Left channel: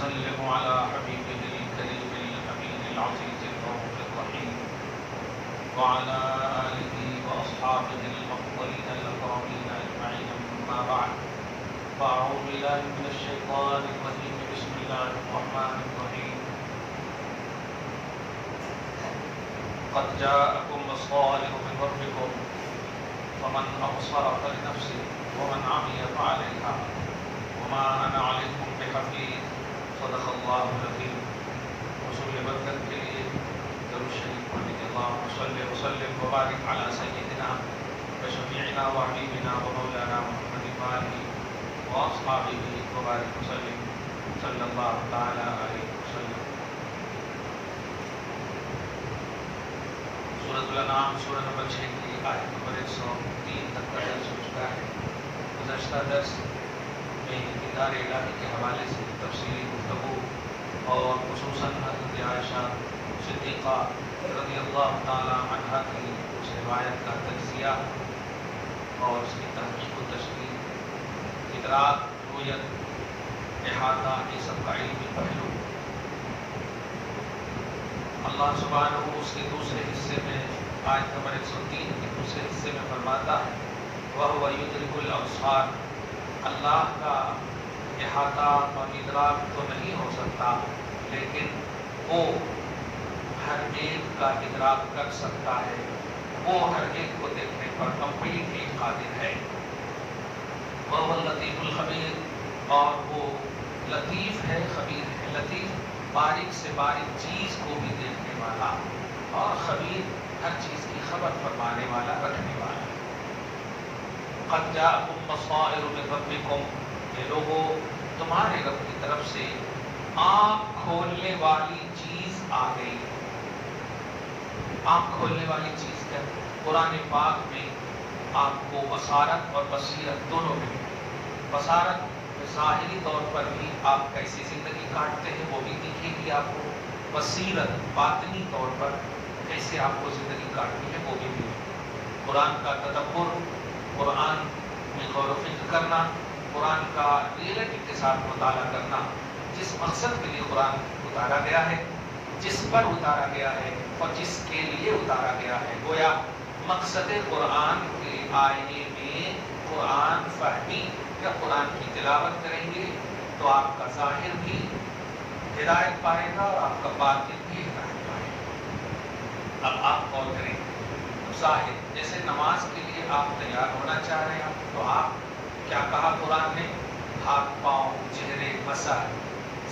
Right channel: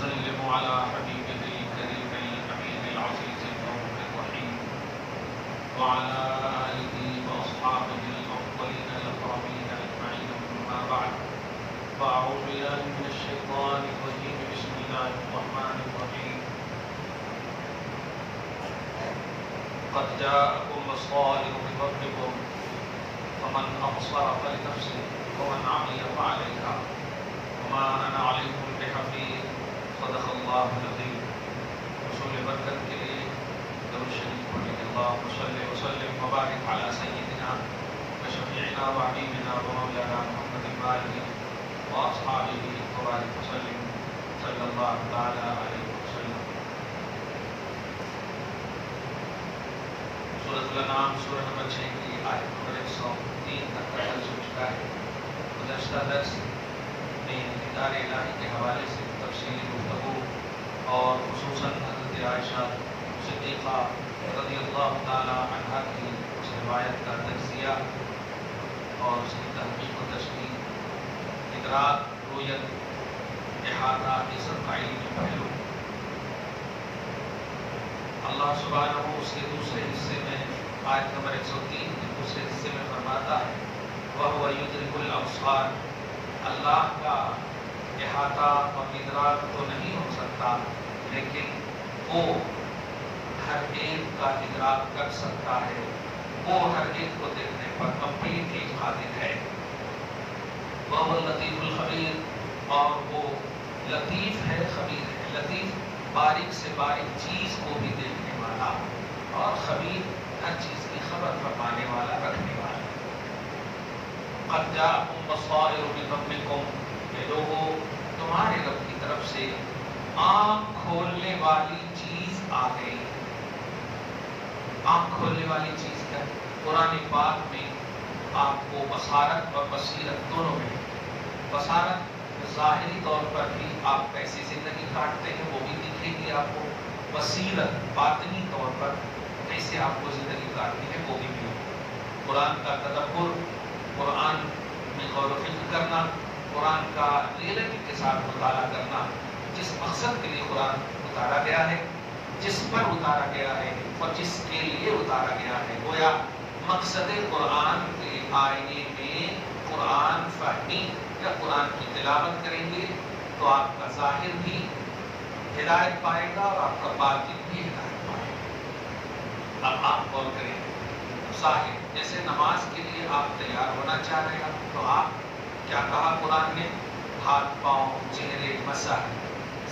وسلم على حبيبه الكريم الأمين العزيز الرؤوف الرحيم وعلى آله وأصحابه الأفضلين الأكرمين أجمعين أما بعد فأعوذ بالله من الشيطان الرجيم بسم الله الرحمن الرحيم قد جاءكم بصائر من ربكم فمن أبصر فلنفسه ومن عمي فعليها وما أنا عليكم بحفيظ صدق الله العظيم. رسول برکت کے لیے درود شریف پڑھنے کے اللهم صل وسلم وبارك على سيدنا وشفيعنا وحبيبنا ومولانا محمد وآله وأصحابه وبارك وسلم صلى الله تعالى عليه وسلم. سورۃ الانعام سورہ نمبر 6 کی آیت نمبر 103 تک کا درس ہو چکا ہے. گزشتہ درس میں دیدار الہی کے حوالے سے تفصیلی گفتگو اور خصوصاً حضرت عائشہ صدیقہ رضی اللہ تعالی عنہا کی اس روایت کا تجزیہ اور اس کی تحقیق و تشریح، ادراک، رؤیت، احاطہ، یہ سب کا علمی پہلو. اللہ سبحانہ اس کے دوسرے حصے میں آیت نمبر 103 کے دوسرے حصے میں فرماتا ہے وَهُوَ يُدْرِكُ الْأَبْصَارَ، اللہ کا احاطہ اور ادراک تو نہیں ہو سکتا لیکن وہ ہر ایک کا ادراک کر سکتا ہے، وہ ہر ایک کو دیکھنے پر کمپلیٹ ایک قادر ہے. وَهُوَ اللَّطِيفُ الْخَبِيرُ، اور وہ لطیف ہے، خبیر ہے. لطیف باریک سے باریک چیز کو بھی دیکھنے والا، اور خبیر ہر چیز کی خبر فرمانے والا، رکھنے والا. قد جاءکم بصائر من ربکم، کہ لوگوں تمہارے رب کی طرف سے آنکھ کھولنے والی چیز آ گئی. آنکھ کھولنے والی چیز کیا؟ قرآن پاک میں آپ کو بصارت اور بصیرت دونوں میں، بصارت ظاہری طور پر بھی آپ کیسی زندگی کاٹتے ہیں وہ بھی دکھے گی آپ کو، بصیرت باطنی طور پر کیسے آپ کو زندگی کاٹنی ہے وہ بھی ملے. قرآن کا تدبر، قرآن میں غور و فکر کرنا، قرآن کا ریئلٹی کے ساتھ مطالعہ کرنا، جس مقصد کے لیے قرآن اتارا گیا ہے، جس پر اتارا گیا ہے اور جس کے لیے اتارا گیا ہے. گویا مقصد قرآن کے آئینے میں قرآن فہمی یا قرآن کی تلاوت کریں گے تو آپ کا ظاہر بھی ہدایت پائے گا اور آپ کا باطن بھی ہدایت پائے گا. اب آپ غور کریں، ظاہر جیسے نماز کے لیے آپ تیار ہونا چاہ رہے ہیں تو آپ کیا کہا قرآن نے؟ ہاتھ، پاؤں، چہرے، مسح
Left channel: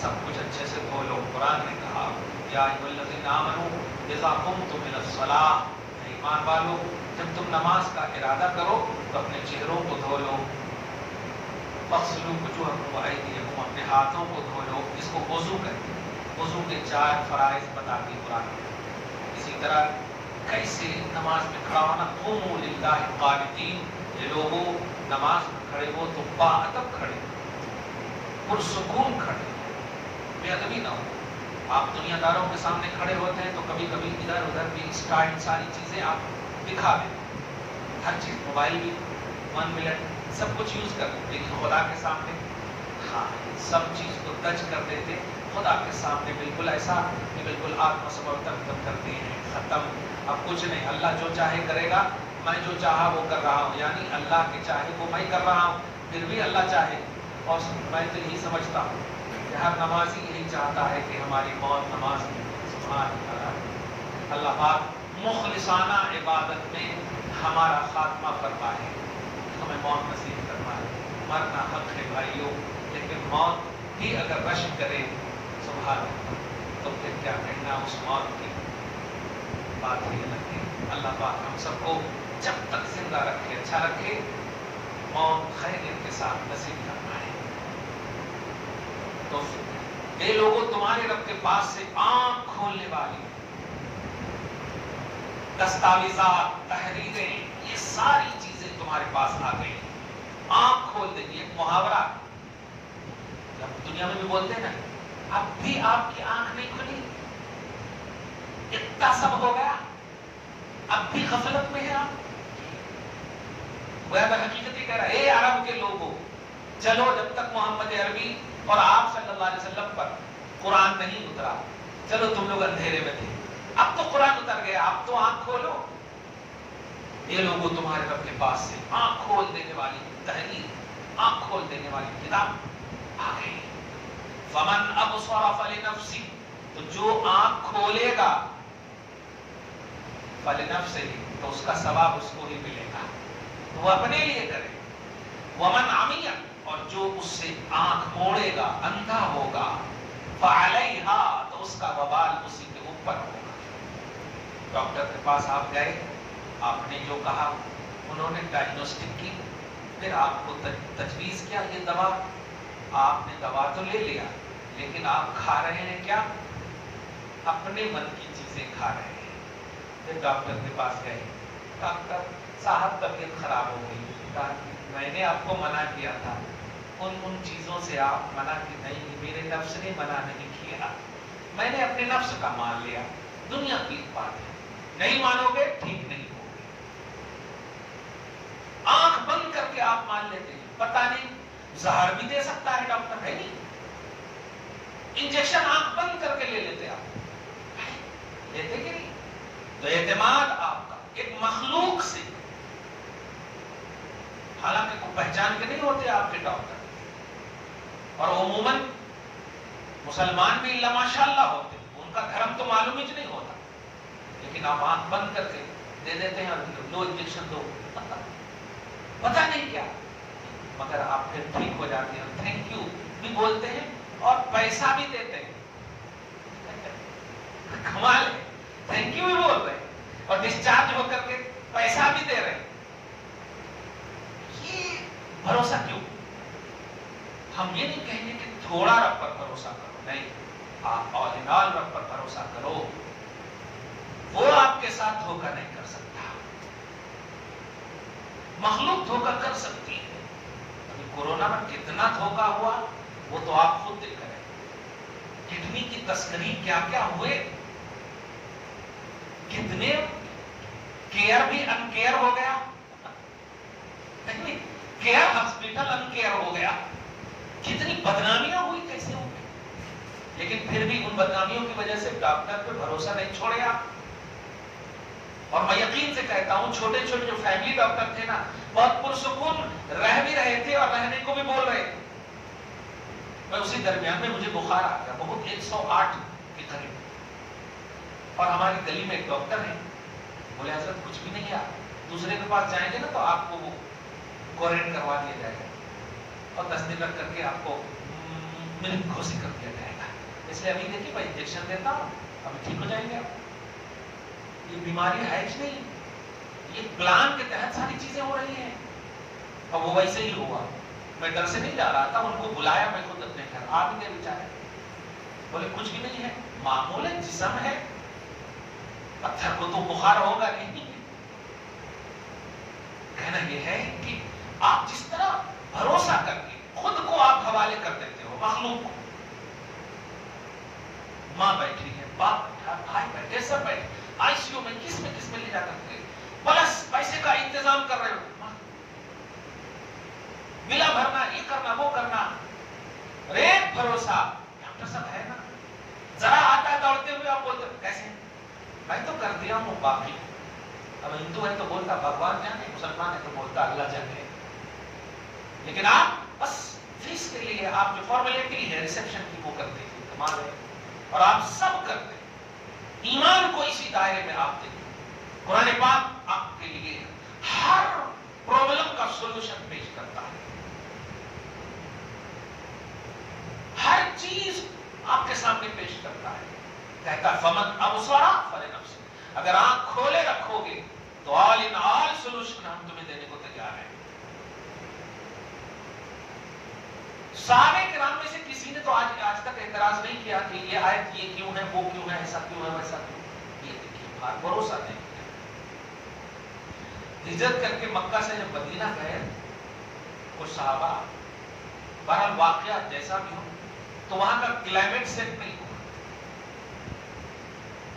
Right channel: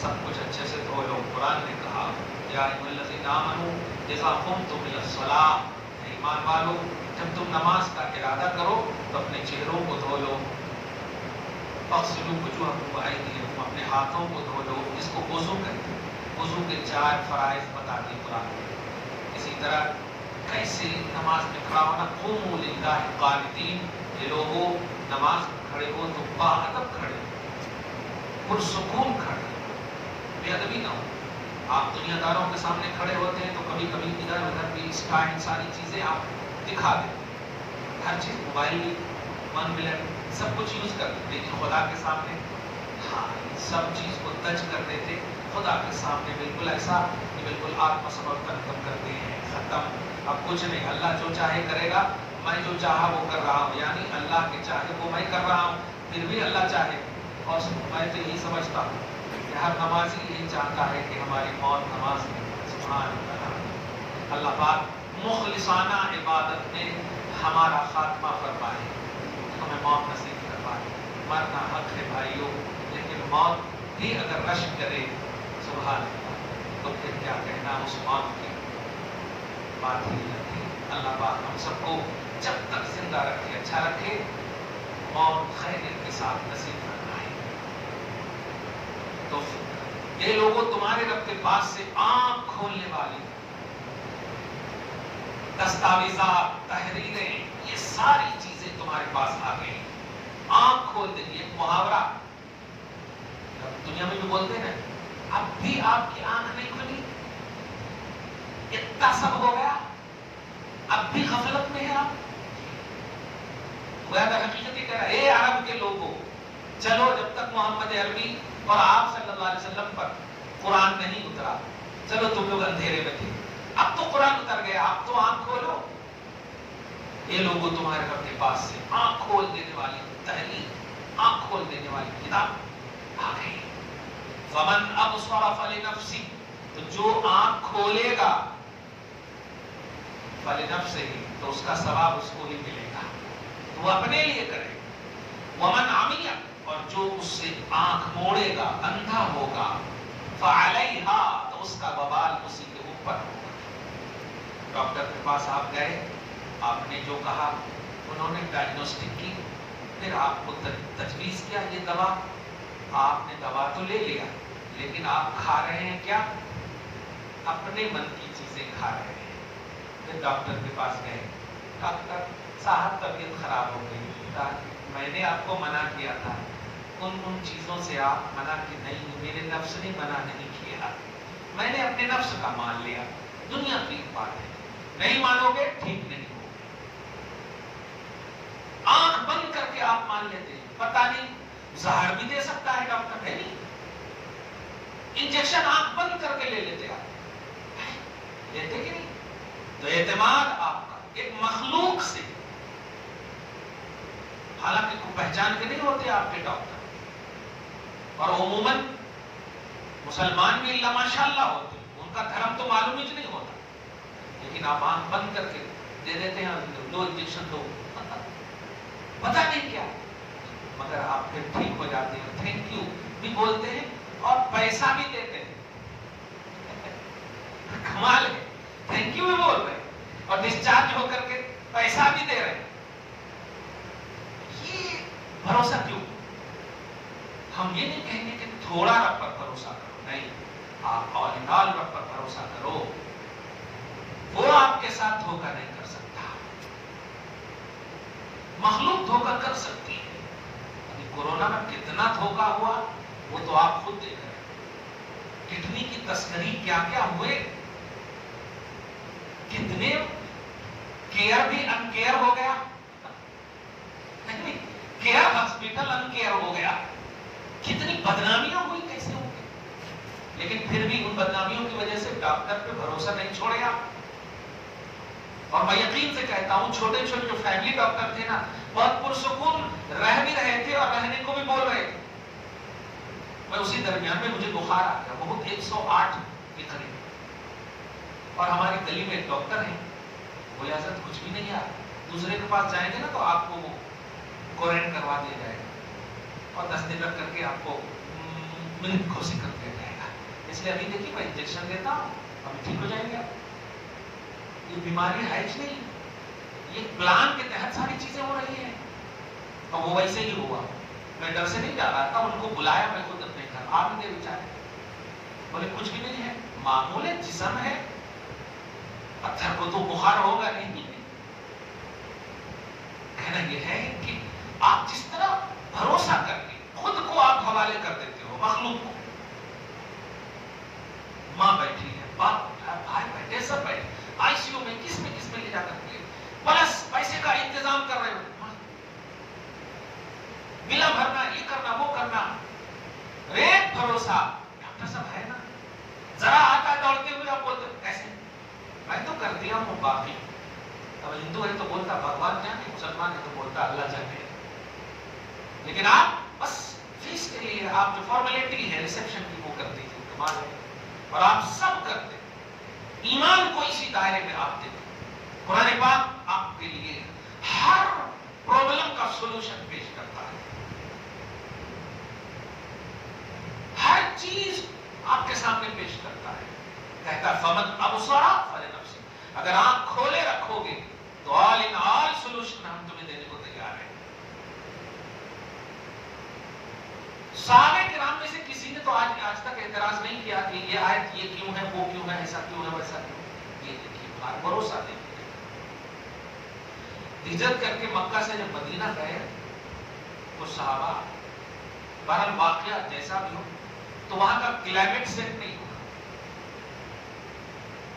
سب کچھ اچھے سے دھو لو. قرآن نے کہا یا ایھا الذین آمنوا اذا قمتم الی الصلاۃ، ایمان والو جب تم نماز کا ارادہ کرو تو اپنے چہروں کو دھو لو. فاغسلوا وجوہکم وایدیکم، اپنے ہاتھوں کو دھو لو. اس کو وضو کہتے ہیں. وضو کے 4 فرائض بتا دی قرآن نے. اسی طرح کیسے نماز میں کھڑا ہونا، قوموا للہ قانتین، یہ لوگوں نماز میں کھڑے ہو تو باادب کھڑے، پرسکون کھڑے، بے ادبی نہ ہو. آپ دنیا داروں کے سامنے کھڑے ہوتے ہیں تو کبھی کبھی ادھر ادھر بھی اسٹائل ساری چیزیں آپ دکھا دیں، ہر چیز، موبائل بھی 1 منٹ سب کچھ یوز کر لیتے، لیکن خدا کے سامنے سب چیز کو تج کر دیتے. خدا کے سامنے بالکل ایسا کہ بالکل آتم سمرپن کرتے ہیں، ختم. اب کچھ نہیں، اللہ جو چاہے کرے گا، میں جو چاہا وہ کر رہا ہوں، یعنی اللہ کے چاہے وہ میں کر رہا ہوں، پھر بھی اللہ چاہے. اور میں تو یہی سمجھتا ہوں کہ ہر نمازی یہی چاہتا ہے کہ ہماری موت نماز میں. سبحان اللہ، اللہ پاک مخلصانہ عبادت میں ہمارا خاتمہ فرمائے، ہمیں موت نصیب فرمائے. مرنا حق ہے بھائیوں، لیکن موت بھی اگر رش کرے سبحان اللہ تو پھر کیا کہنا اس موت کی بات ہی لگتی. اللہ پاک ہم سب کو جب تک زندہ رکھے، اچھا رکھے، موت خیریت کے ساتھ نصیب کرنا ہے. تو یہ لوگوں تمہارے رب کے پاس سے آنکھ کھولنے والی دستاویزات، تحریریں، یہ ساری چیزیں تمہارے پاس آ گئی. آنکھ کھول دیں، یہ محاورہ دنیا میں بھی بولتے ہیں. اب بھی آپ کی آنکھ نہیں کھلی، اتنا سب ہو گیا، اب بھی غفلت میں ہے آپ. حقیقت یہ کہہ رہا ہے، اے عرب کے لوگوں، چلو جب تک محمد عربی اور آپ صلی اللہ علیہ وسلم پر قرآن نہیں اترا، چلو تم لوگ اندھیرے میں تھے، اب تو قرآن اتر گیا، اب تو آنکھ کھولو۔ یہ لوگوں تمہارے رب کے پاس سے آنکھ کھول دینے والی تحریر، آنکھ کھول دینے والی کتاب آ گئی۔ فمن ابصر فلنفسہ، تو جو آنکھ کھولے گا فلنفسہ، تو اس کا ثواب اس کو ہی ملے گا، وہ اپنے لیے کرے۔ ومن عمی، اور جو اس سے آنکھ موڑے گا، اندھا ہوگا، فعلیہا، تو اس کا وبال اسی کے اوپر ہوگا۔ ڈاکٹر کے پاس آپ گئے، آپ نے جو کہا، انہوں نے ڈائگنوسٹک کی، پھر آپ کو تجویز کیا یہ دوا، آپ نے دوا تو لے لیا، لیکن آپ کھا رہے ہیں کیا؟ اپنے من کی چیزیں کھا رہے ہیں۔ پھر ڈاکٹر کے پاس گئے، ڈاکٹر صاحب طبیعت خراب ہو گئی، میں نے آپ کو منع کیا تھا، ان چیزوں سے آپ منع کی نہیں، میرے نفس نے منع نہیں کیا، میں نے اپنے نفس کا مان لیا، دنیا کی بات ہے، نہیں مانو گے ٹھیک نہیں ہوگی۔ آنکھ بند کر کے آپ مان لیتے ہیں، پتہ نہیں زہر بھی دے سکتا ہے ڈاکٹر، ہے نہیں، انجیکشن آنکھ بند کر کے لے لیتے آپ، لیتے کہ نہیں؟ تو اعتماد آپ کا ایک مخلوق سے، حالانکہ کو پہچان کے نہیں ہوتے آپ کے ڈاکٹر، اور عموماً مسلمان بھی اللہ ماشاءاللہ ہوتے، ان کا دھرم تو معلوم ہی نہیں ہوتا، لیکن آپ آنکھ بند کر کے دے دیتے ہیں، اور لو انجیکشن دو، پتہ نہیں کیا، مگر آپ پھر ٹھیک ہو جاتے ہیں، تھینک یو بھی بولتے ہیں اور پیسہ بھی دیتے ہیں، کمال ہے، تھینک یو بھی بول رہے ہیں اور ڈسچارج ہو کر کے پیسہ بھی دے رہے ہیں۔ یہ بھروسہ کیوں؟ ہم یہ نہیں کہیں گے کہ تھوڑا رب پر بھروسہ کرو، نہیں، آپ اولینال رب پر بھروسہ کرو، وہ آپ کے ساتھ دھوکہ نہیں کر سکتا، مخلوق دھوکہ کر سکتی ہے۔ کورونا میں کتنا دھوکہ ہوا وہ تو آپ خود دیکھ رہے ہیں، کڈنی کی تسکری کیا کیا ہوئے، کتنے کیئر بھی ان کیئر ہو گیا، کیئر ہاسپٹل ان کیئر ہو گیا، کتنی بدنامیاں ہوئی، کیسے ہو گئی، لیکن پھر بھی ان بدنامیوں کی وجہ سے ڈاکٹر پہ بھروسہ نہیں چھوڑے آپ۔ اور میں یقین سے کہتا ہوں چھوٹے چھوٹے جو فیملی ڈاکٹر تھے نا، بہت پرسکون رہ بھی رہے تھے اور رہنے کو بھی بول رہے تھے۔ میں اسی درمیان میں مجھے بخار آ گیا، بہت 108 کے قریب، اور ہماری گلی میں ایک ڈاکٹر ہیں، بولے حضرت کچھ بھی نہیں، آپ دوسرے کے پاس جائیں گے نا تو آپ کو وہ کوارنٹائن کروا دیا جائے گا اور 10 دن رکھ کر کے آپ کو ملک گھوسی کر دیا جائے گا، اس لیے ابھی دیکھیے میں انجیکشن دیتا ہوں، ابھی ٹھیک ہو جائیں گے آپ۔ یہ بیماری ہے ہی نہیں، یہ پلان کے تحت ساری چیزیں ہو رہی ہیں، اور وہ ویسے ہی ہوا۔ میں ڈر سے نہیں جا رہا تھا، ان کو بلایا میں خود اپنے گھر، آ بھی گئے بیچارے، بولے کچھ بھی نہیں ہے، معمول جسم ہے، پتھر کو تو بخار ہوگا نہیں۔ کہنا یہ ہے کہ آپ جس طرح بھروسہ کر کے خود کو آپ حوالے کر دیتے ہو مخلوق کو، ماں بیٹھی ہے، باپ بیٹھا، بھائی بیٹھے، سب بیٹھے، آئی سی یو میں کس میں لے جا کر کے پلس پیسے کا انتظام کر رہے ہو، بلا بھرنا، یہ کرنا وہ کرنا، ریت بھروسہ ڈاکٹر صاحب ہے نا، ذرا آتا دوڑتے ہوئے آپ بولتے کیسے، میں تو کر دیا ہوں، باقی اب ہندو ہے تو بولتا بھگوان جانے، مسلمان ہے تو بولتا اللہ جانے، لیکن آپ بس فیس کے لیے آپ جو فارمیلٹی ہے ریسیپشن کی وہ کرتے تھے، کمال ہے، اور آپ سب کرتے، ایمان کو اسی دائرے میں آپ دیکھیں۔ قرآن پاک آپ کے لیے ہر پرابلم کا سولوشن پیش کرتا ہے، ہر چیز آپ کے سامنے پیش کرتا ہے، کہتا ہے فمن ابصر فلنفسہ، اگر آنکھ کھولے رکھو گے تو آل ان آل سولوشن ہم تمہیں دینے کو تیار ہیں۔ صحابہ کرام میں سے کسی نے تو آج تک اعتراض نہیں کیا کہ یہ آیت یہ کیوں ہے، وہ کیوں ہے، ایسا کیوں ہے، ویسا کیوں ہے، یہ دیکھیے بھروسہ دیکھیے۔ ہجرت کر کے مکہ سے جب مدینہ گئے وہ صحابہ، بہرحال واقعہ جیسا بھی ہو، تو وہاں کا کلائمیٹ سیٹ نہیں ہوا،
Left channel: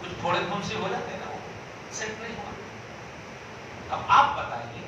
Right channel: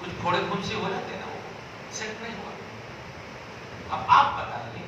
کچھ پھوڑے پھنسی ہو جاتے نا، سیٹ نہیں ہوا۔ اب آپ بتائیے،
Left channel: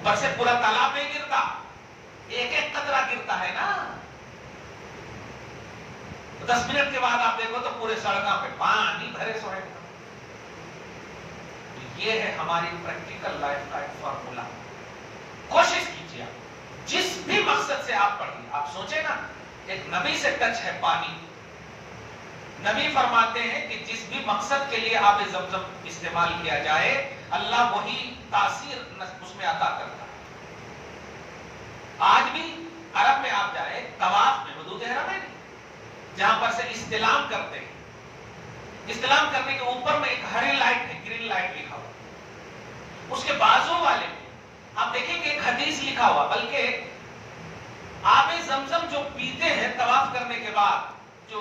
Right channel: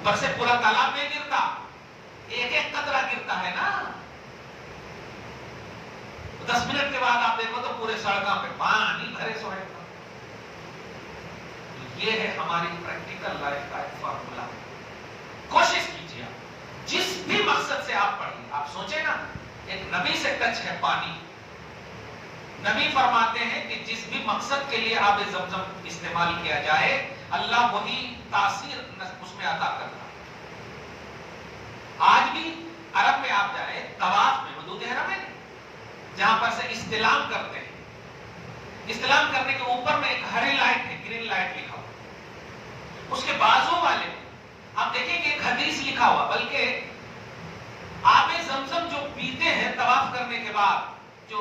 اوپر سے پورا تالاب نہیں گرتا، ایک ایک قطرہ گرتا ہے نا. 10 منٹ کے بعد آپ دیکھو تو پورے سڑکوں پہ پانی بھرے سوئے. یہ ہے ہماری پریکٹیکل لائف کا ایک فارمولا. کوشش کیجیے آپ جس بھی مقصد سے آپ پڑھیں. آپ سوچیں نا ایک نبی سے ٹچ ہے پانی. نبی فرماتے ہیں کہ جس بھی مقصد کے لیے آب زمزم استعمال کیا جائے اللہ وہی تاثیر اس میں عطا کرتا ہے. آج بھی عرب میں آپ جائے طواف میں حدود حرم ہے جہاں پر سے استلام کرتے ہیں. استلام کرنے کے اوپر میں ایک ہری لائٹ ہے، گرین لائٹ لکھا ہوا. اس کے بازو والے آپ دیکھیں کہ ایک حدیث لکھا ہوا، بلکہ آب زمزم جو پیتے ہیں طواف کرنے کے بعد جو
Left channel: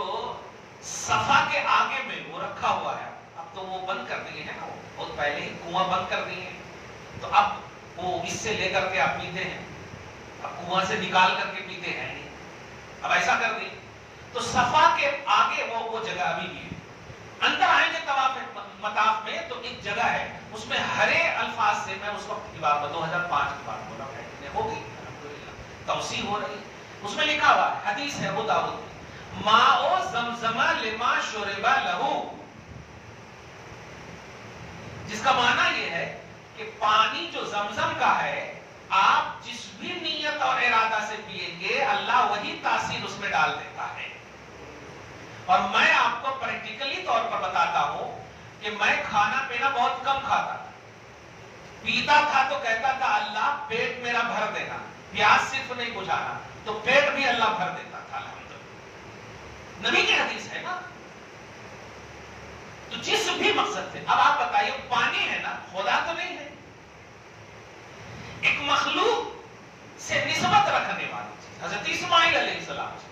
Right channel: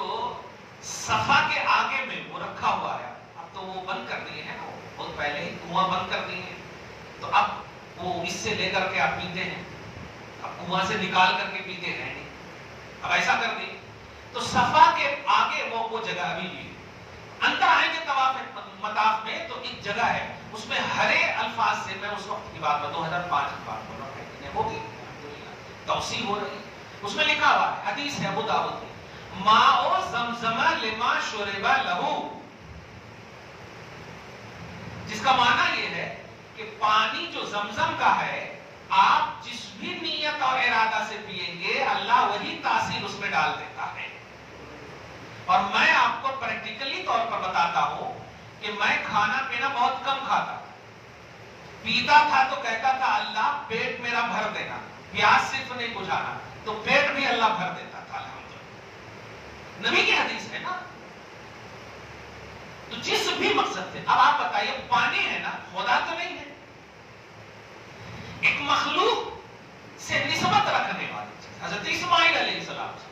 صفا کے آگے میں وہ رکھا ہوا ہے. اب تو وہ بند کر دیے ہیں نا، بہت پہلے ہی کنواں بند کر دیے ہیں، تو اب وہ اس سے لے کر کے آپ پیتے ہیں. اب کنواں سے نکال کر کے پیتے ہیں نہیں، اب ایسا کر دیں. تو صفا کے آگے وہ جگہ ابھی بھی اندر آئیں گے طواف مطاف میں تو ایک جگہ ہے اس میں ہرے الفاظ سے، میں اس وقت کی بات میں 2005 کی بات ہو رہا ہے، ہوگی توسیع ہو رہی. اس میں لکھا ہوا ہے، حدیث ہے ابو داؤد میں، ماء زمزم لما شرب لہو، جس کا معنی یہ ہے کہ پانی جو زمزم کا ہے آپ جس بھی نیت اور ارادہ سے پیئیں گے اللہ وہی تاثیر اس میں ڈال دیتا ہے. اور میں آپ کو پریکٹیکلی طور پر بتاتا ہوں کہ میں کھانا پینا بہت کم کھاتا تھا. پیتا تھا تو کہتا تھا اللہ پیٹ میرا بھر دینا، پیاس صرف نہیں بجھانا، تو پیٹ بھی اللہ بھر دیتا تھا. الحمدللہ نبی کی حدیث ہے نا. تو جس بھی مقصد سے، اب آپ بتائیے پانی ہے نا، خدا تو نہیں ہے، ایک مخلوق سے نسبت رکھنے والی چیز. حضرت اسماعیل علیہ السلام سے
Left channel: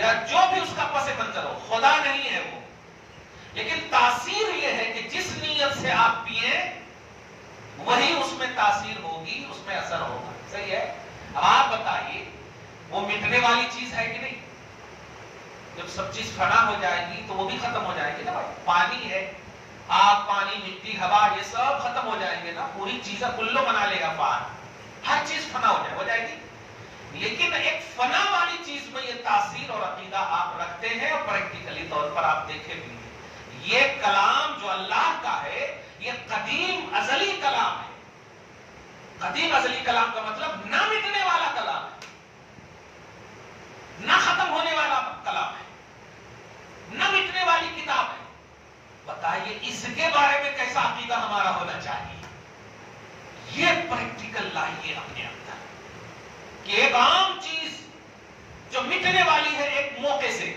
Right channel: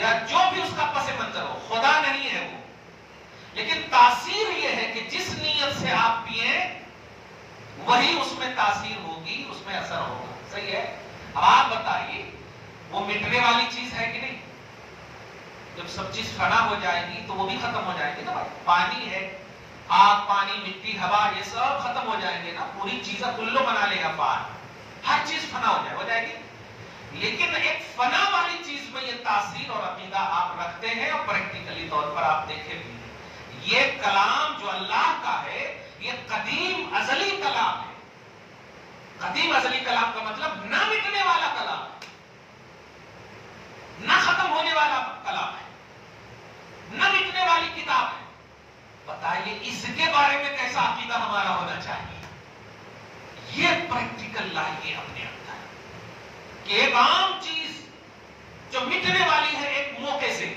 یا جو بھی اس کا پس منظر ہو، خدا نہیں ہے وہ، لیکن تاثیر یہ ہے کہ جس نیت سے آپ پیئیں وہی اس میں تاثیر ہوگی، اس میں اثر ہوگا. صحیح ہے؟ آپ بتائیے وہ مٹنے والی چیز ہے کہ نہیں؟ جب سب چیز فنا ہو جائے گی تو وہ بھی ختم ہو جائے گی نا. پانی ہے، آگ پانی مٹی ہوا یہ سب ختم ہو جائیں گے نا، پوری چیزیں کلو بنا لے گا پان، ہر چیز فنا ہو جائے گی. لیکن ایک فنا والی چیز میں یہ تاثیر اور عقیدہ آپ رکھتے ہیں اور پریکٹیکلی طور پر آپ دیکھیں بھی ہیں. یہ کلام جو اللہ کا ہے یہ قدیم ازلی کلام ہے. قدیم ازلی کلام کا مطلب نہ مٹنے والا کلام ہے، نہ ختم ہونے والا کلام ہے، نہ مٹنے والی کتاب ہے. بتائیے اس کے بارے میں کیسا عقیدہ ہمارا ہونا چاہیے؟ یہ پریکٹیکل لائیے اپنے اندر کہ ایک عام چیز جو مٹنے والی ہے ایک موقع سے،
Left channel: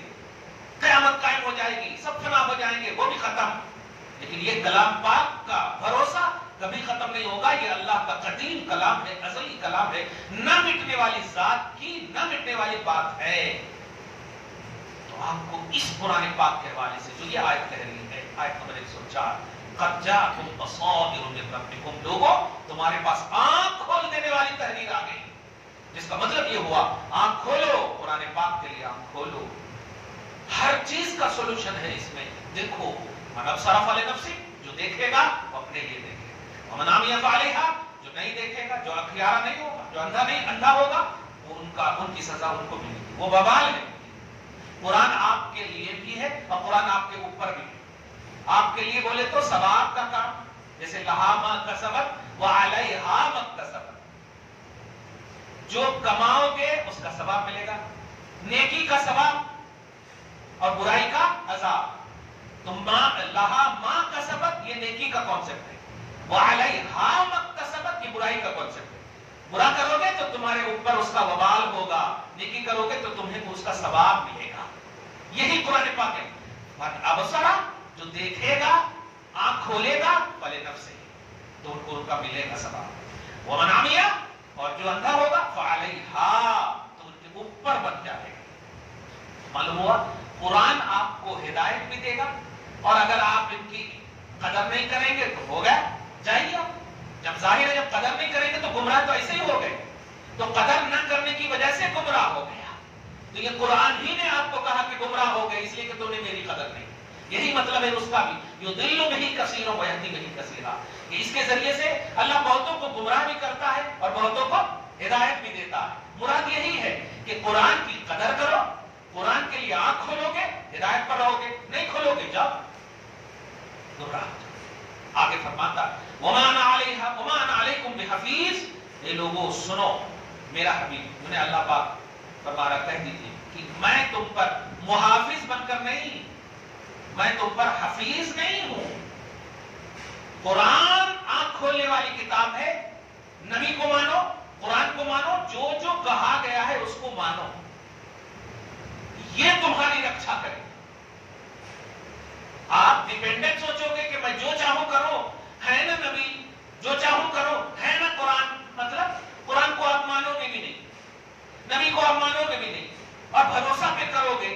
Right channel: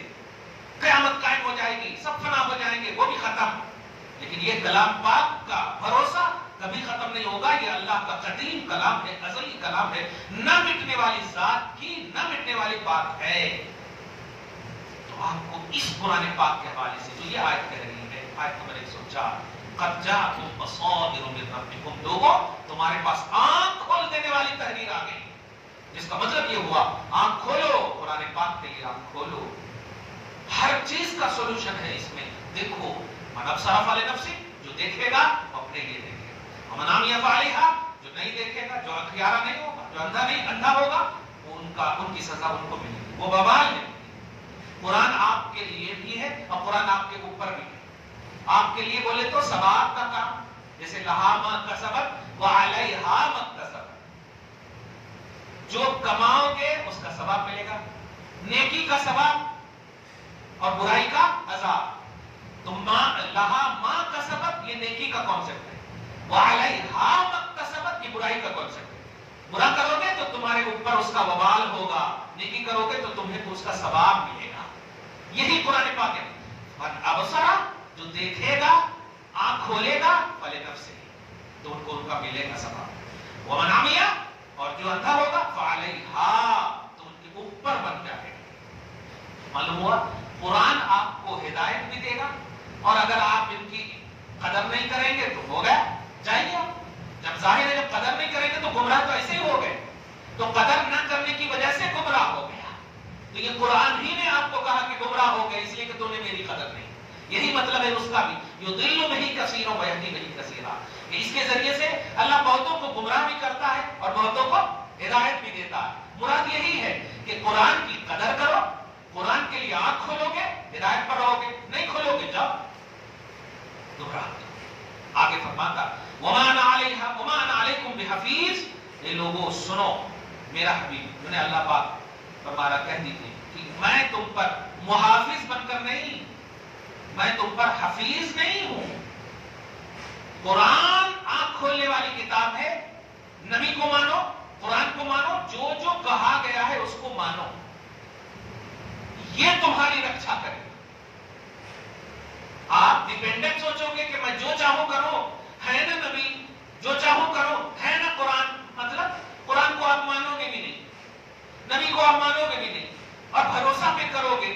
قیامت قائم ہو جائے گی، سب فنا ہو جائیں گے، وہ بھی ختم. لیکن یہ کلام پاک کا بھروسہ کبھی ختم نہیں ہوگا. یہ اللہ کا قدیم کلام ہے، ازلی کلام ہے، نہ مٹنے والی ذات کی نہ مٹنے والی بات ہے. تو آپ کو اس قرآن پاک کے حوالے سے جو یہ آیت کہہ رہی ہے، آیت نمبر 104، قد جاءکم بصائر من ربکم، لوگوں تمہارے پاس آنکھ کھول دینے والی تحریر آ گئی. جس کا مطلب یہ ہوا آنکھ کھولو، قرآن پاک کے لیے آنکھ کھولو. ہر چیز کا سولوشن ہے اس میں. دیکھو من ابصر فلنفسہ، جو دیکھے گا وہ اپنے لیے دیکھے گا. ومن عمی فعلیہا، جو نہیں دیکھے گا، جو اختیارہ نہیں ہوگا، جو اندھا ہوگا، وہ ان کی سزا ان کو ملے گی، وہ وبال ہے. قرآن آپ کے لیے بھی ہے اور قرآن آپ کے اوپر بھی ہے. آپ کے لیے بولے تو ثواب کا کام، جیسے لہا ما کسبت وعلیہا ما اکتسبت، جو کماؤ گے اس کا ثواب ملے گا، نیکی کا ثواب اور برائی کا عذاب. تم لہا ما کسبت یہ نیکی کا کانسیپٹ ہے، وعلیہا ما اکتسبت یہ برائی کا کانسیپٹ ہے. برا کرو گے تو تمہارے اوپر اس کا وبال ہوگا، نیکی کرو گے تو تمہیں اس کا ثواب ملے گا. یہی قرآن پاک ہے. ابصرا، جو دیکھے گا آنکھ کھولے گا، فلنفسہ، تو ان کو ان کا ملے گا ثواب. ومن عمی، اور جو اندھا ہوگا، فعلیہا، تو ان کے اوپر بن جائے گا. معلوم ہوا قرآن آپ کو ہدایت بھی دے گا، اور اگر آپ ان کی قدر نہیں کریں گے تو ہو گیا، جائیے. جب ظاہر ہے جب قدر نہیں کریں گے تو گمراہ تو ایسے ہی ہو گئے، تو قدر نہ کرنے کی وجہ سے گمراہ ہو گیا. تو یہ قرآن ہی نے آپ کو کہا کہ گمراہ ہو گئے اس لیے کہ تم نے میری قدر نہیں. یہی مطلب ہے اس کا بھی، یضل بہ کثیرا ویہدی بہ کثیرا، کہ اس کے ذریعے سے اللہ بہتوں کو گمراہ بھی کرتا ہے اور بہتوں کو ہدایت بھی دیتا ہے۔ مراد یہی ہے کہ قرآن کی قدر کرو، قرآن کے لیے آنکھ کھولو گے ہدایت پر رہو گے، نہیں کھولو گے جاؤ گمراہ۔ آگے فرماتا وما انا علیکم بحفیظ، یہ لوگوں سنو میرا حبیب، میں نے اللہ پاک فرمایا کہہ دیجیے کہ میں تم پر محافظ بن کر نہیں، میں تم پر حفیظ نہیں ہوں۔ قرآن آنکھ کھولنے والی کتاب ہے، نبی کو مانو، قرآن کو مانو، جو جو کہا گیا ہے اس کو مانو، یہ تمہاری رکشا کرے۔ آپ ڈیپینڈنٹ سوچو گے کہ میں جو چاہوں کروں، ہے نا نبی، جو چاہوں کروں، ہے نا قرآن، مطلب قرآن کو آپ مانو گے بھی نہیں، نبی کو آپ مانو گے بھی نہیں، اور بھروسہ پہ کرو گے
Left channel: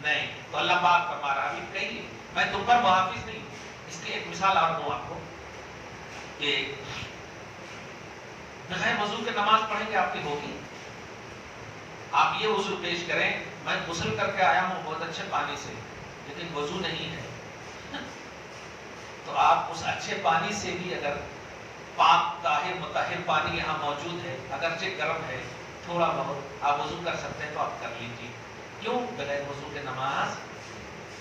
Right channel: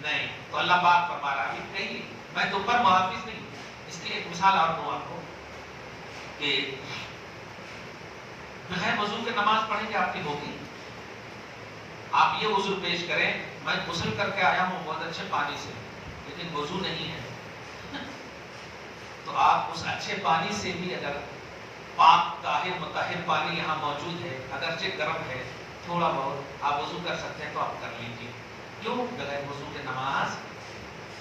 نہیں، تو اللہ پاک فرما رہا ہے کہیے میں تم پر محافظ نہیں ہوں۔ اس کی ایک مثال اور دوں آپ کو کہ بغیر وضو کے نماز پڑھیں گے آپ کی ہوگی؟ آپ یہ وضو پیش کریں میں غسل کر کے آیا ہوں بہت اچھے پانی سے، لیکن وضو نہیں ہے، تو آپ اس اچھے پانی سے بھی اگر پاک طاہر مطہر پانی یہاں موجود ہے، اگرچہ گرم ہے تھوڑا بہت آپ وضو کر سکتے ہیں تو آپ کر لیجیے۔ کیوں؟ بغیر وضو کے نماز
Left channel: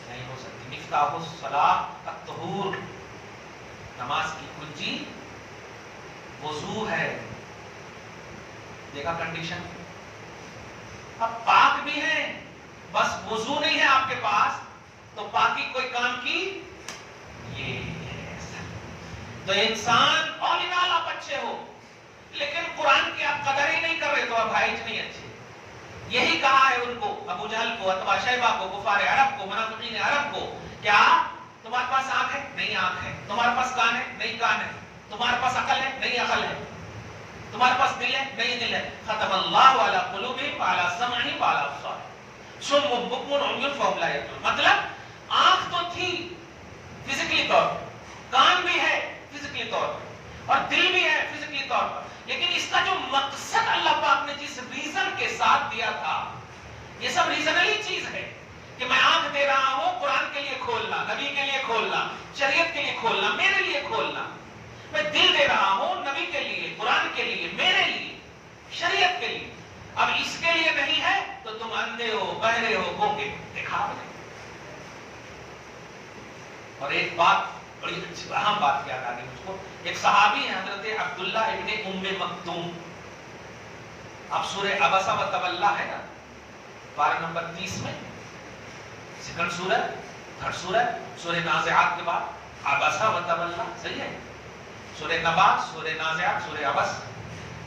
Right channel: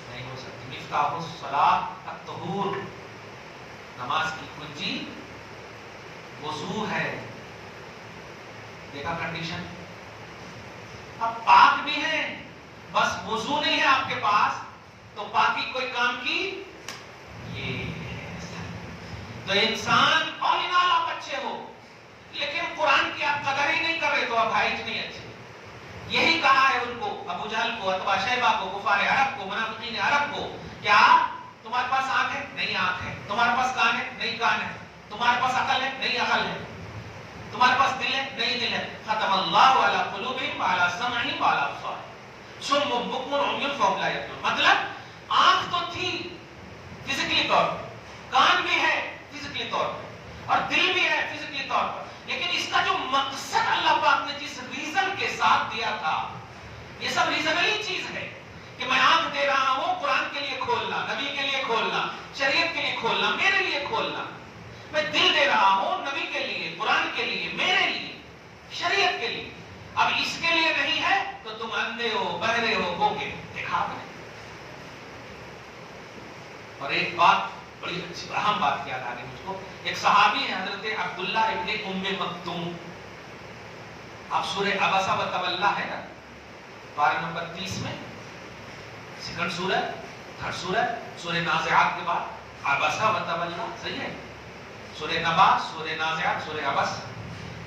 نہیں ہو سکتی۔ مفتاح الصلاۃ الطہور، نماز کی کنجی وضو ہے۔ دیکھا کنڈیشن، اب پاک بھی ہیں بس وضو نہیں ہے آپ کے پاس، تو پاکی کوئی کام کی یہ تو انسان اورینال آپ اچھے ہو، لیکن قرآن کی آپ قدر ہی نہیں کر رہے تو آپ بھائی نہیں اچھے۔ یہی کہا ہے ان کو، ابو جہل کو، اتبا شیبہ کو، کفار عرب کو، منافقین عرب کو، کیا تمہارے پاس آنکھ ہے؟ نہیں آنکھ ہے۔ تمہارے پاس کان ہے؟ نہیں کان ہے۔ تمہارے پاس عقل ہے؟ نہیں عقل ہے۔ تمہارے پاس دل ہے؟ نہیں دل ہے۔ ختم اللہ علی قلوبہم وعلی سمعہم وعلی ابصارہم صم بکم عمی فہم لا یعقلون۔ مطلب آنکھ تو تھی فزیکلی طور پر، کان بھی ہے فزیکلی طور پر، اور دل بھی ہے فزیکلی طور پر، لیکن اس کا جو مقصد اللہ پاک نے جس ریزن کے ساتھ دیا تھا، یہ سب ریزنلی چیز ہے کہ میں آنکھ دے رہا ہوں قرآن کے لیے کھولنا، نبی کے لیے کھولنا، شریعت کے لیے کھولنا، میرے لیے کھولنا۔ میں دل دے رہا ہوں نبی کے لیے، قرآن کے لیے، میرے لیے، شریعت کے لیے۔ اب اس کے لیے نہیں ہے تو تم اندھے ہو، بہرے ہو، گونگے ہو۔ دیکھا آپ نے؟ اور ایک بات بڑی اچھی اہم بات یاد آ گئی مجھ کو، ایک صحابی ہے حضرت عبداللہ ابن ام مکتوم، اب سورہ عبسہ و تولی ہے نا، پارہ نمبر 30 میں، سیکنڈ سورہ، تھرڈ سورہ، سورہ نازعات کے بعد عبسہ و تولی، صحیح ہے؟ سورہ نبا، سورہ نازعات، سورہ عبس،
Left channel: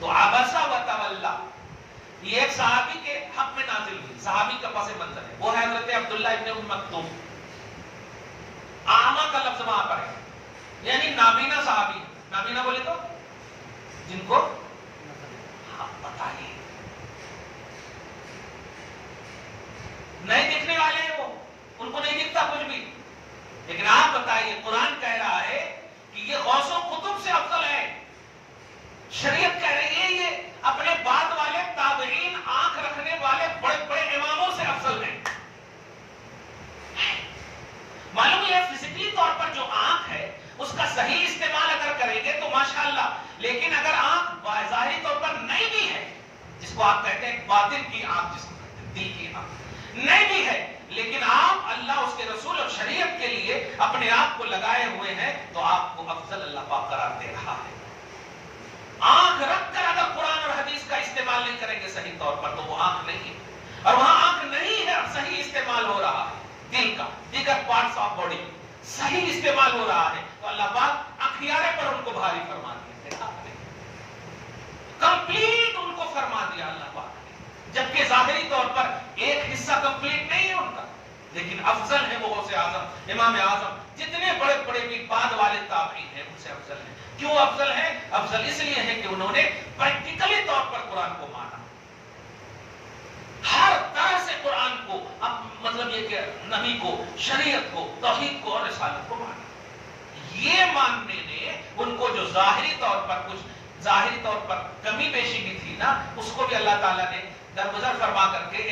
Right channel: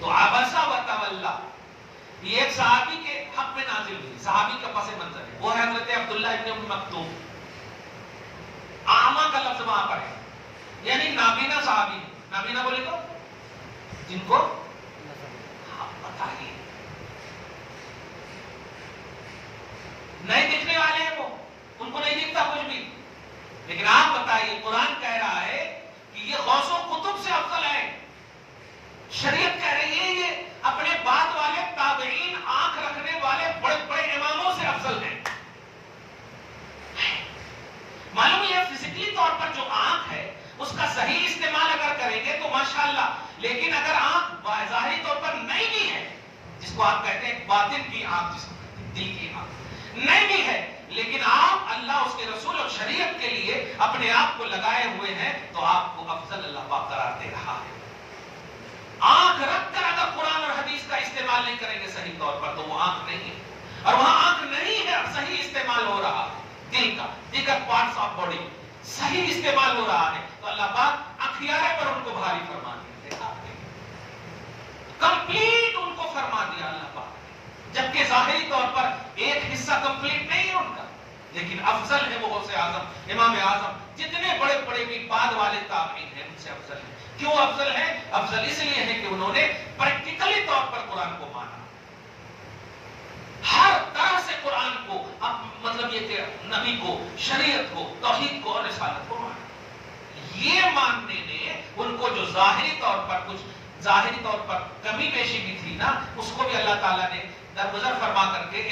تو عبسہ و تولی یہ ایک صحابی کے حق میں نازل ہوئی، صحابی کا پس منظر ہے، وہ ہے حضرت عبداللہ ابن ام مکتوم۔ اعمى کا لفظ وہاں پر ہے، یعنی نابینا صحابی۔ نابینا بولے تو جن کو بتائیے نہیں دکھنے والے ہیں، وہ ان کو نہیں دکھتا کچھ بھی، لیکن آپ بتائیے قرآن کہہ رہا ہے کہ یہ غوث و قطب سے افضل ہے، شریعت کہہ رہی ہے یہ اپنے بعد والے تابعین، آنکھ رکھنے والے بڑے بڑے اماموں سے افضل ہیں۔ معلوم ہے فزیکلی طور پر جو آنکھ ہے اس کا صحیح استعمال اگر کریں گے تو ماشاءاللہ، لیکن اگر آنکھ ظاہری طور پر نہیں بھی ہے، جس کو آپ کہتے ہیں باطن کی آنکھ، جس کو کہتے ہیں دل کی آنکھ، نہیں بھی ہے، لیکن آپ اللہ اس کے رسول اور شریعت کے لیے اپنے آپ کو لگائے ہوئے ہیں، تو آپ کو افضل اللہ پاک قرار دے رہا ہے۔ آنکھ رکھ کر اگر قرآن اور حدیث کا استعمال نہیں کریں گے صحیح طور پر تو وہ آنکھ نہیں ہے، اور وہاں آنکھ نہیں ہے، اب صحیح استعمال ہو رہا ہے دل کا، دیگر پارٹس آف باڈی صحیح استعمال ہو رہا ہے، تو اللہ پاک اخیارے پر ان کو بھاری فرما دیا، کمپلیٹ ان کو فرما دیا اللہ پاک نے، جبکہ ظاہری طور پر ایک حصہ کمپلیٹ نہیں ہے ان کا، لیکن افضل ہے وہ غوث اعظم، امام اعظم، جتنے بڑے بڑے بھی بعد والے تابعین ہیں ان سے افضل ہیں۔ کیوں افضل ہے؟ افضل اس لیے ہے کہ انہوں نے پریکٹیکلی طور پر قرآن کو مانا، ہر طرح سے قرآن کو، مطلب یہ کہ نبی کو، شریعت کو، توحید کو اور رسالت کو مانا۔ یہ ماننے نے ان کو جو ظاہری طور پر کچھ ظاہری طور پر کمی پیشی بھی تھی نا، اس کو بھی اللہ تعالیٰ نے درگزر فرما کر کے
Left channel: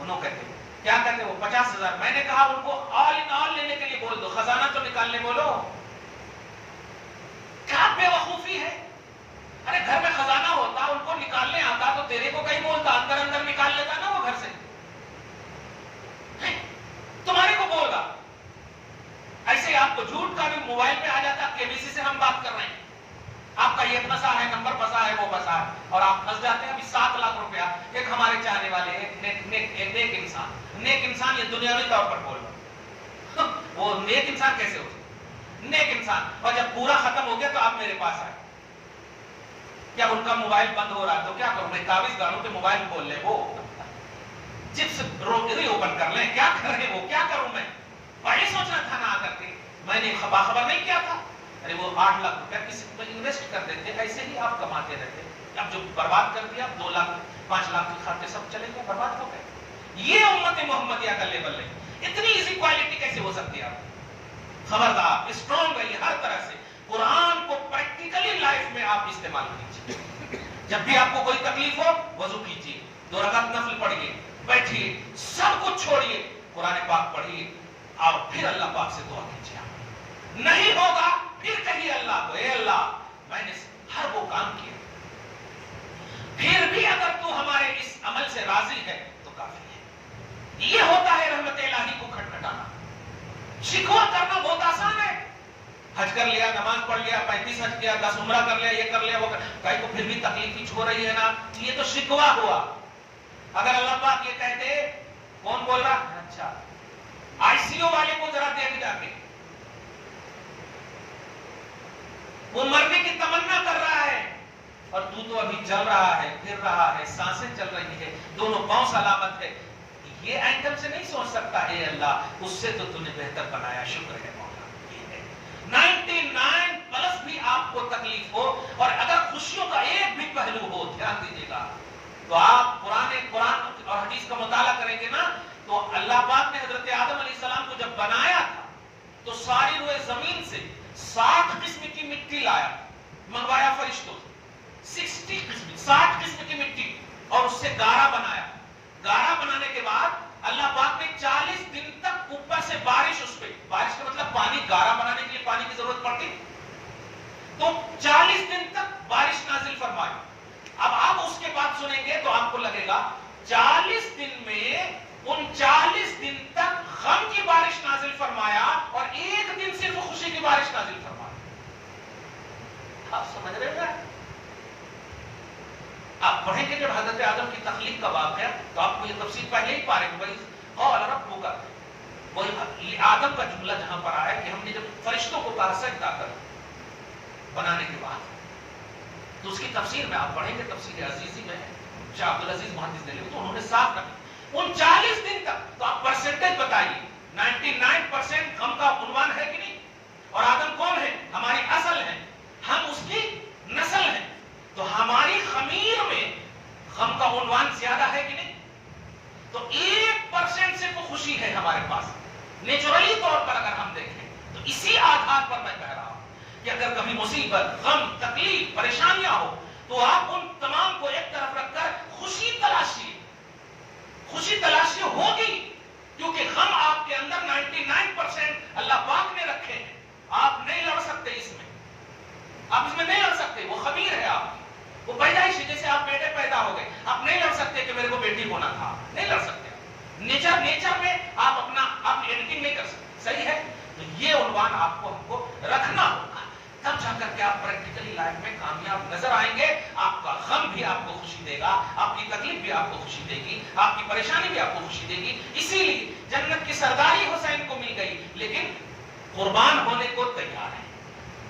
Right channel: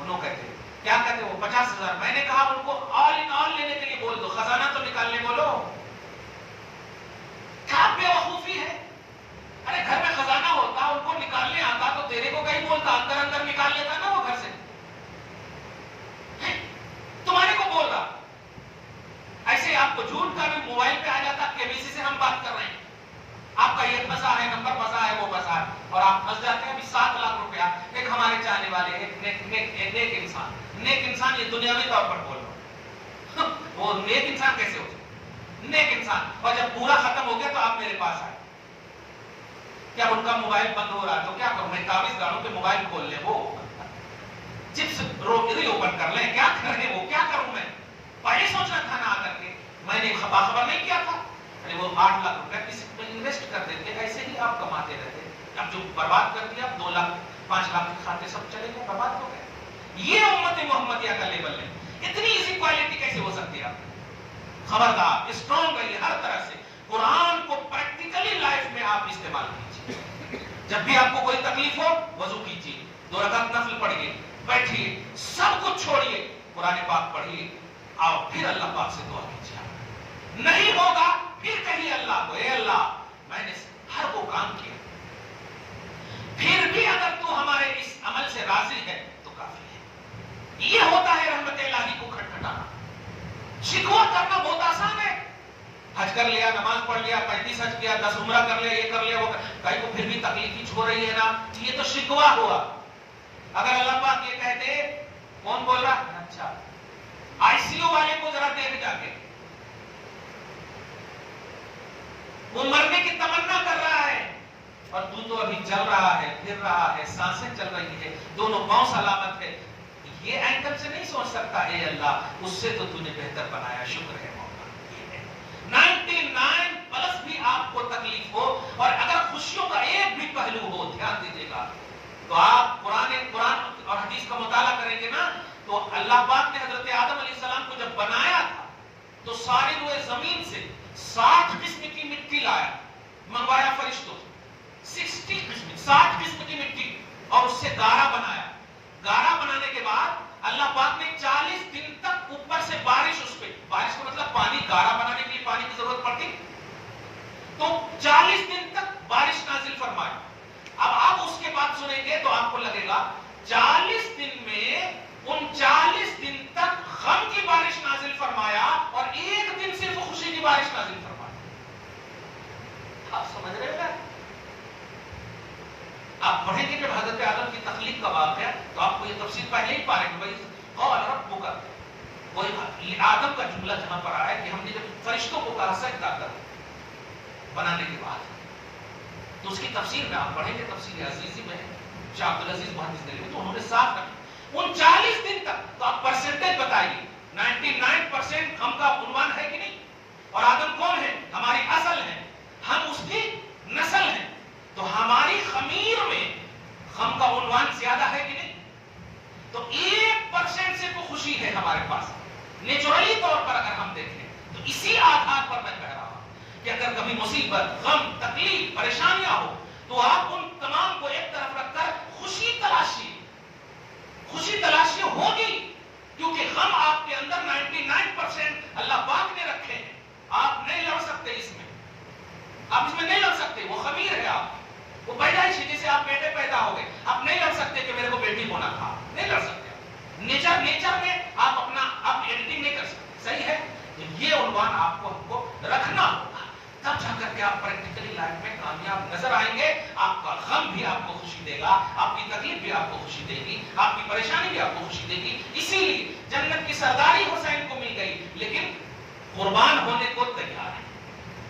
انہوں کہتے ہیں کیا کہتے ہیں وہ 50,000. میں نے کہا ان کو آل ان آل لینے کے لیے بول دو, خزانہ تو نکالنے بولو. کیا بے وقوفی ہے. ارے گھر میں خزانہ ہوتا, ان کو نکالنے آتا تو تیرے کو کہیں بولتا, اندر اندر نکال لیتا نا وہ گھر سے. تمہارے کو بول رہا. ایسے آپ کو جھوٹ کا بھی موبائل پہ آ جاتا, KBC سے ہم بات کر رہے ہیں, آپ کا یہ پھنسا ہے, نمبر پھنسا ہے, وہ پھنسا ہے, اور آپ پھنس جاتے ہیں. ابھی 7 لاکھ روپیہ ایک ہمارے چاہنے والے, ایک نیک انسان, نیک انسان یہ دنیاوی طور پر بول رہا ہوں, وہ نیک انسان کیسے ہو سکتا؟ نیک انسان. اور جب پورا ختم ہو گیا تو آپ میرے پاس آئے. کیا ان کا موبائل بند ہو رہا ہے تو کیا کروں میں؟ قابض داروں کے موبائل کھول لیں, وہ چپس ری اوپن کر لیں, کیا کر رہے ہیں وہ, کیا کروں میں؟ پہلے سوچنا تھا نا آ کر کے, میں نے باخبر نہیں کیا تھا. ارے وہ 8 لاکھ روپیہ کسی پہ انویسٹ کر دیتے, ایسے ہی آپ کماتے رہتے. اب جو برباد کر دیا, 2 لاکھ 5 لاکھ کے کھاتے سب چلے گئے, برباد ہو گئے. یہ امت محمدیہ کا لیول ہے. اتنی ایزی کوالٹی کیسے ہو سکتی ہے؟ خبردار, اسٹرانگ رہیے ہر طرح سے. قرآن کو پریکٹیکلی لائف میں آپ استعمال کیجیے. جب بھی آپ کو کوئی تکلیف ہو, وضو کیجیے, 2 رکعت نفل پڑھیے, بیٹھیے, سب کچھ چھوڑیے, قرآن پاک پڑھیے, اور پھر اللہ پاک سے دعا کیجیے. نہیں ہوگا پھر کہیے اللہ کو, اے اللہ میں نے ہر وہ کام کیا, پھر بھی اگر تو ہمارے اس عمل سے راضی ہے تو کافی ہے. یہ ہوتا ہے رحمت الہی کو کھٹکھٹانا. شکوہ کرنا بہت آسان ہے. حج کر لیا, نماز پڑھ لیا, 35 حج کیا, 10 عمرہ کر لیا, یہ کر لیا, وہ کہیں کو پھر بھی تکلیف ہو رہی ہے نا, یہ تو شکوہ ہوا. اگر اللہ پاک یہ کہتے, کون بول رہا؟ اچھا ICU والے کو ذرا دیکھ جا کے, وہ مرنے کی تمنا کر رہا ہے اور تو ابھی چل رہا ہے, پھر رہا ہے, سانسیں چل رہی ہے, دونوں پاؤں سلامت ہے. یہ اینگل سے نہیں سوچ سکتا, اے اللہ اس سے تو نے بہتر بنایا, شکر ہے مولا. 99 پلس بھی آپ کو تکلیف ہو, اور اگر خوشیوں کا ایک بھی پہلو ہو, دھیان دیجیے گا, تو آپ قرآن اور حدیث کا مطالعہ کریں گے نا, تو اللہ پاک نے حضرت آدم علیہ السلام کو جب بنایا تھا تو ساری روئے زمین سے 60 قسم کی مٹی لایا, منگوایا فرشتوں سے, 60 قسم کی مٹی, اور اس سے گارا بنایا. گارا بنانے کے بعد اللہ پاک نے 40 دن تک اوپر سے بارش, اس پہ بارش کا مطلب پانی, گارا بنانے کے لیے پانی کی ضرورت پڑتی, تو 40 دن تک بارش نازل فرمائی. اب آپ اس کے بعد سنیں گے تو آپ کو لگے گا 40 دن میں 39 دن تک غم کی بارش نازل فرمایا, اور 1 دن صرف خوشی کی بارش نازل فرمایا. آپ سمجھ رہے ہیں؟ آپ پڑھیں گے جب حضرت آدم کی تخلیق کا واقعہ ہے تو آپ کو یہ تفصیل پہلے ہی پا رہے ہیں. قال ربک, وہی آدم کا جملہ جہاں پر آیا کہ ہم نے جب فرشتوں کو کہا سجدہ کر بنانے کے بعد, تو اس کی تفسیر میں آپ پڑھیں گے, تفسیر عزیزی میں ہے, شاہ عبدالعزیز محدث دہلوی, تو انہوں نے صاف کہا 39 دن تک. تو آپ پرسنٹیج بتائیے, 99% غم کا عنوان ہے کہ نہیں؟ اور آدم کون ہے؟ ہماری اصل ہے, ہم اس کی نسل ہیں, تو ہماری خمیر میں غم کا عنوان زیادہ ہے کہ نہیں؟ تو 1% سے تو خوشی ہے ہمارے پاس, نیچرلی طور پر اگر ہم دیکھیں تو. اسی آدھار پر میں کہہ رہا ہوں کہ اگر کبھی مصیبت, غم, تکلیف, پریشانیاں ہو تو آپ ان تمام کو ایک طرف رکھ کر خوشی تلاشیے. خوشی تلاشی ہوگی, کیونکہ غم آپ کے اندر 99% اللہ پاک نے رکھے ہیں. آپ نہیں لڑ سکتے اس میں, آپ اس میں نہیں لڑ سکتے, وہ خمیر ہے آپ, وہ پیدائش ہے. جیسے آپ بیٹے پیدا ہو گئے, آپ نہیں لڑ سکتے کہ میرے کو بیٹی ہونا تھا, نہیں لڑ سکتے. نیچر میں آپ ایڈیٹنگ نہیں کر سکتے, صحیح ہے. تو یہ عنوان آپ کو ہم کو رکھنا ہوگا, تب جا کر کے آپ پریکٹیکلی لائف میں کامیاب نظر آئیں گے. آپ کا غم بھی آپ کو خوشی دے گا, آپ کی تکلیف بھی آپ کو خوشی دے گی, آپ کی پریشانی بھی آپ کو خوشی دے گی. اسی لیے جنت کی سرداری حسین کو مل گئی, لیکن قربان ہونے کو تیار ہے,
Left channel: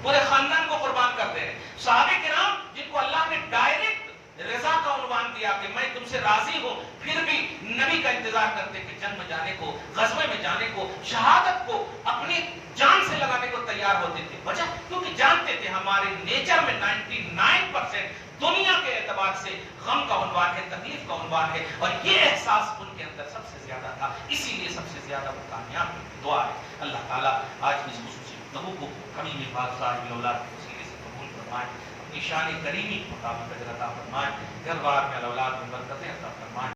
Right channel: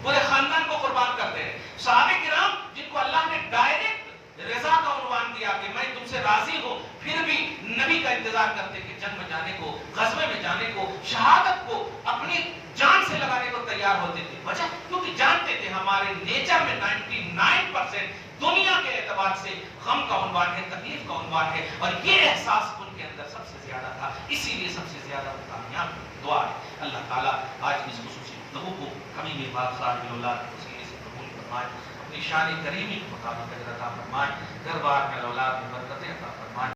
پورے خاندان کو قربان کرتے ہیں. صحابہ کرام جن کو اللہ نے ڈائریکٹ رضا کا عنوان دیا کہ میں تم سے راضی ہوں, پھر بھی نبی کا انتظار کرتے کہ جنگ میں جانے کو, غزوے میں جانے کو, شہادت کو اپنی جان سے لگانے کو تیار ہوتے تھے. وجہ کیونکہ جانتے تھے ہمارے نیچر میں 99% دنیا کے اعتبار سے غم کا عنوان ہے, تکلیف کا عنوان ہے, اور یہ احساس ان کے اندر سب سے زیادہ تھا. اسی لیے سب سے زیادہ وہ کامیاب ہے. دعا ہے اللہ تعالیٰ آج کی اس خصوصی گفتگو کو ہمیں یہ بات صاحب اولاد کے وسیلے سے قبول فرمائے, اپنی شان کریمی کے مطابق عطا فرمائے. گھر بار میں اولاد میں